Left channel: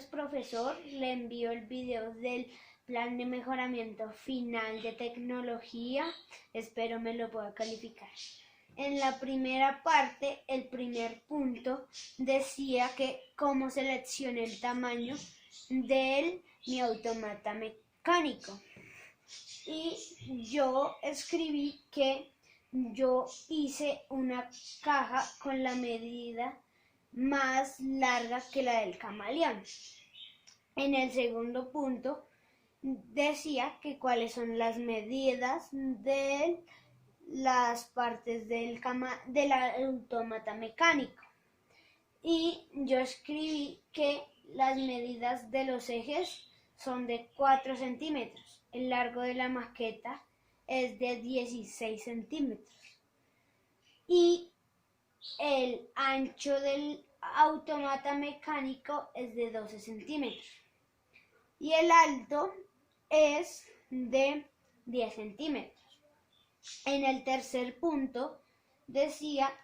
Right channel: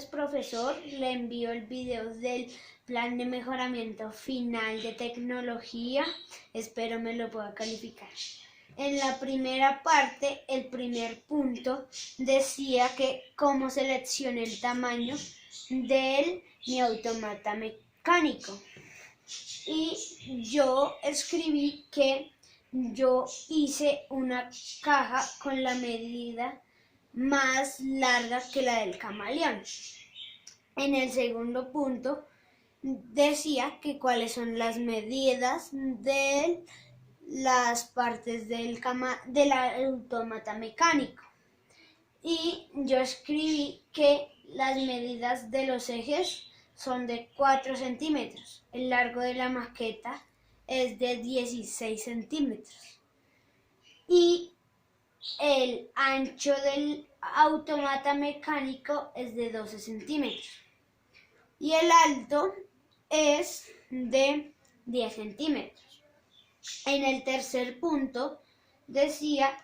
tardes, profesor. Le envío el video del plan de mejoramiento final de tecnología. Espero me lo pueda calificar. En la primera parte, el primer punto decía que cómo seleccioné el tamaño de mi automata mecánico. Y yo escribí que yo hice una caja con la medida más larga que la del camaleón. En el segundo punto decía que cuáles son las medidas de las partes del autómata mecánico. Y yo escribí que las medidas de los ejes son de 4 centímetros. El largo de la maqueta es de 16 centímetros. Y el ancho del autómata mecánico es de 12 centímetros. Y el alto es de 10 centímetros. En el tercer punto decía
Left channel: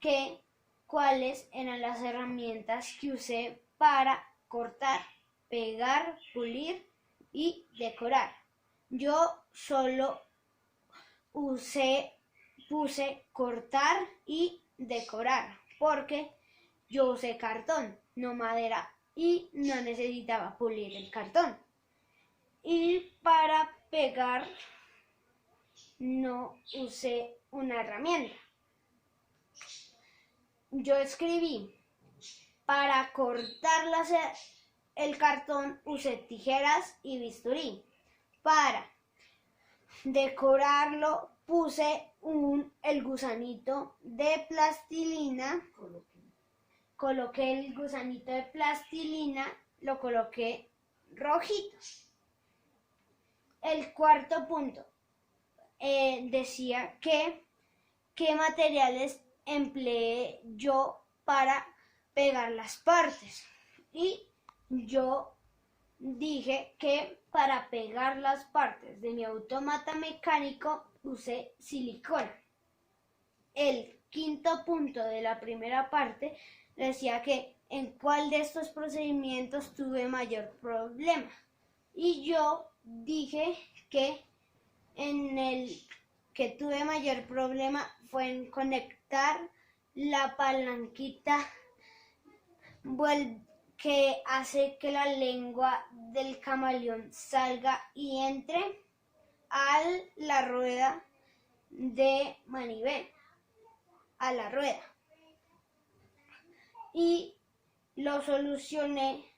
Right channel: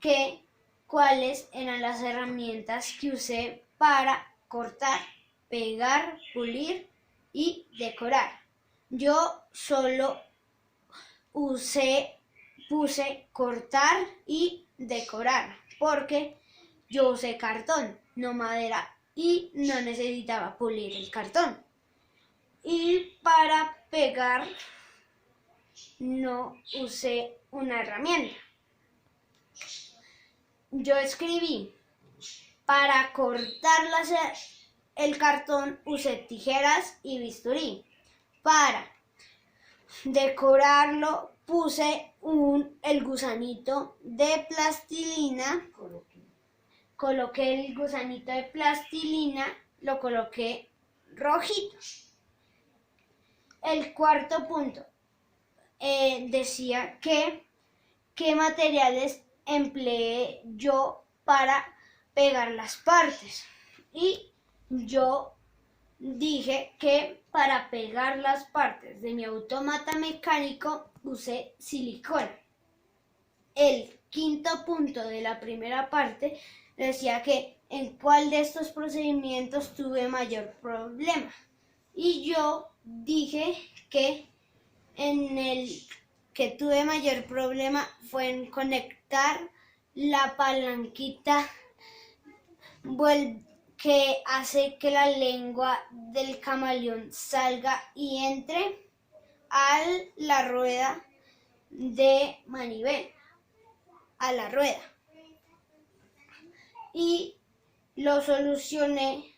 que cuáles eran las herramientas que usé para cortar, pegar, pulir y decorar. Yo solo puse cortar y decorar porque yo usé cartón, no madera, y no necesitaba pulir el cartón. Y para pegar no usé una herramienta. Yo escribí, para cortar el cartón usé tijeras y bisturí. Para decorarlo puse el gusanito de plastilina. Coloqué el gusanito de plastilina, lo coloqué rojito. El cuarto punto decía que qué materiales empleé yo para pegar las partes. Y yo dije que para pegar las partes de mi autómata mecánico usé silicona. El quinto punto de la primera parte decía que en cuál de estos procedimientos tuve mayor problema. Y yo dije que en el que tuve mayor problema fue en conectar la palanquita que hace que la lengua del camaleón salga y entre a la rueda de manivela, a la rueda. Y lo solucioné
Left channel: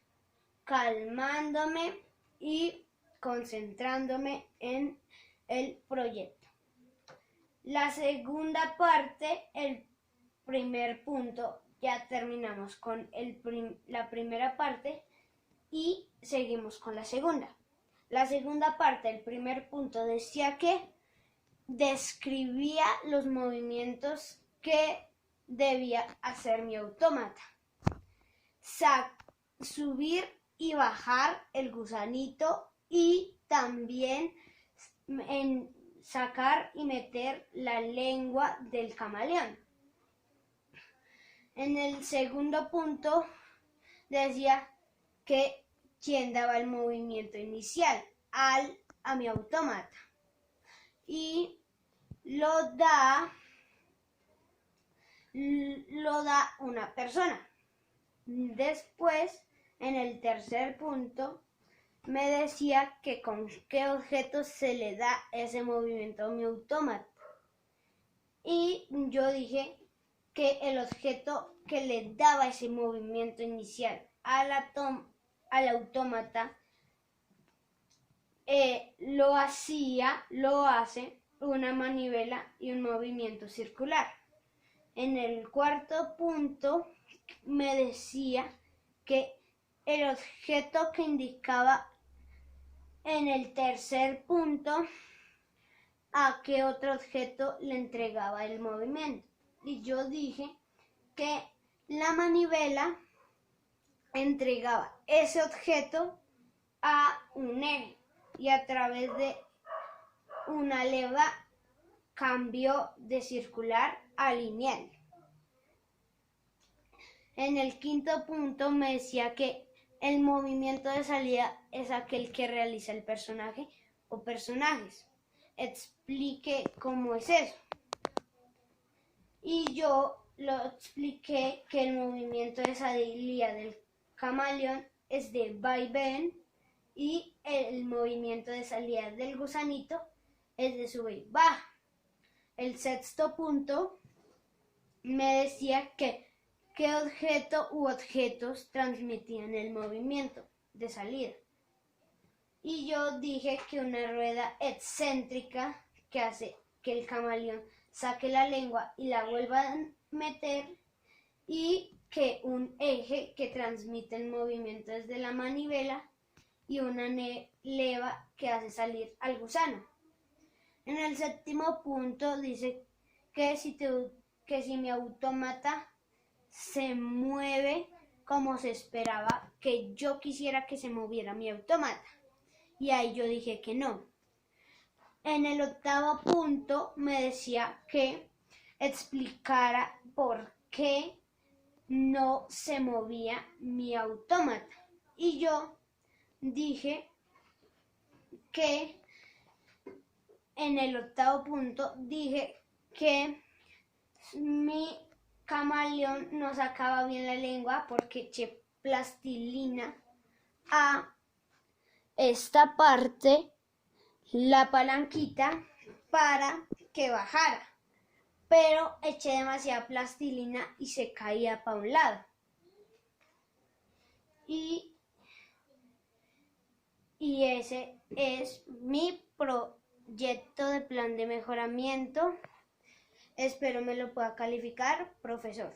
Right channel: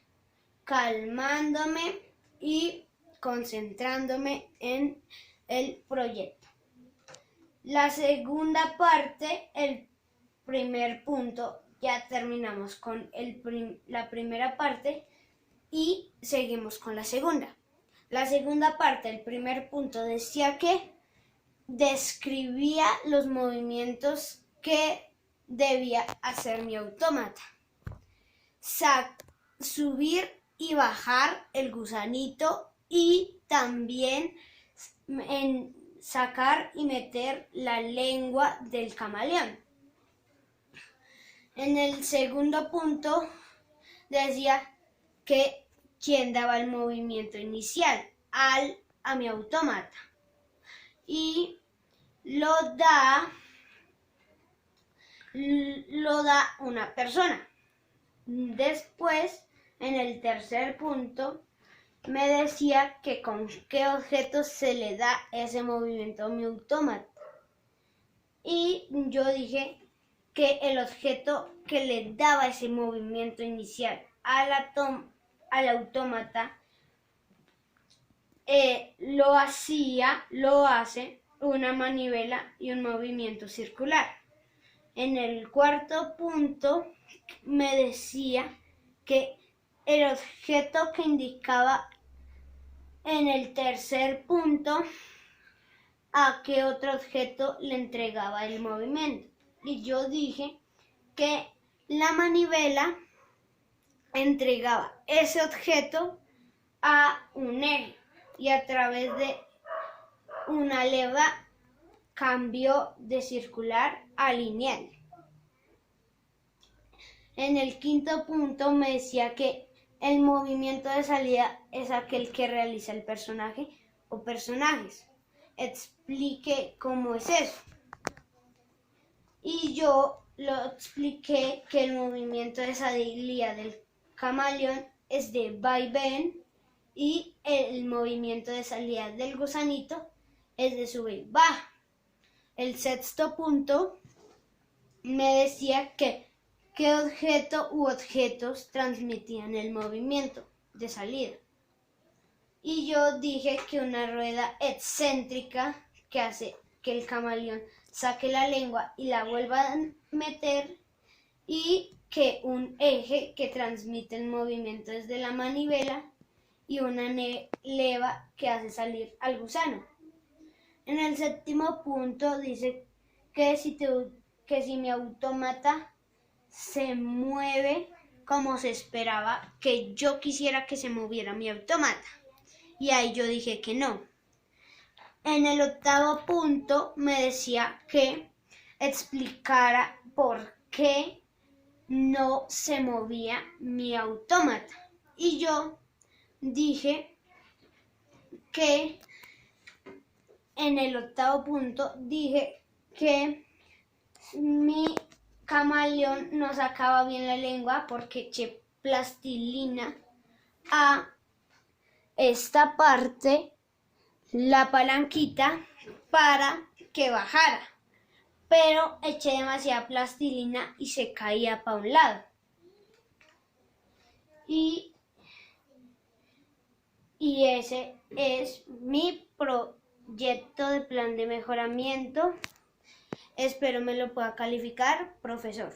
calmándome y concentrándome en el proyecto. La segunda parte, el primer punto, ya terminamos con la primera parte y seguimos con la segunda. La segunda parte, el primer punto, decía que describía los movimientos que debía hacer mi autómata. Subir y bajar el gusanito y también sacar y meter la lengua del camaleón. En el segundo punto decía que quién daba el movimiento inicial a mi autómata y lo da una persona. Después, en el tercer punto, me decía que con qué objeto se le da ese movimiento a mi autómata. Y yo dije que el objeto que le daba ese movimiento inicial al autómata lo hace una manivela y un movimiento circular. En el cuarto punto me decía que el objeto que indicaba en el tercer punto a qué otro objeto le entregaba el movimiento. Y yo dije que la manivela entregaba ese objeto a un eje y a través de una leva cambió de circular a lineal. En el quinto punto me decía que El movimiento de salida es aquel que realiza el personaje o personajes. Explique cómo es eso. Y yo lo expliqué que el movimiento de salida del camaleón es de vaivén y el movimiento de salida del gusanito es de sube y baja. El sexto punto me decía que qué objeto u objetos transmitían el movimiento de salida. Y yo dije que una rueda excéntrica que hace que el camaleón saque la lengua y la vuelva a meter, y que un eje que transmite el movimiento desde la manivela y una leva que hace salir al gusano. En el séptimo punto dice que si mi autómata se mueve como se esperaba que yo quisiera que se moviera mi autómata. Y ahí yo dije que no. En el octavo punto me decía que explicara por qué no se movía mi autómata. Y yo dije que en el octavo punto dije que mi camaleón no sacaba bien la lengua porque eché plastilina a esta parte, la palanquita, para que bajara, pero eché demasiada plastilina y se caía para un lado. Y ese es mi proyecto de plan de mejoramiento. Espero me lo pueda calificar, profesor.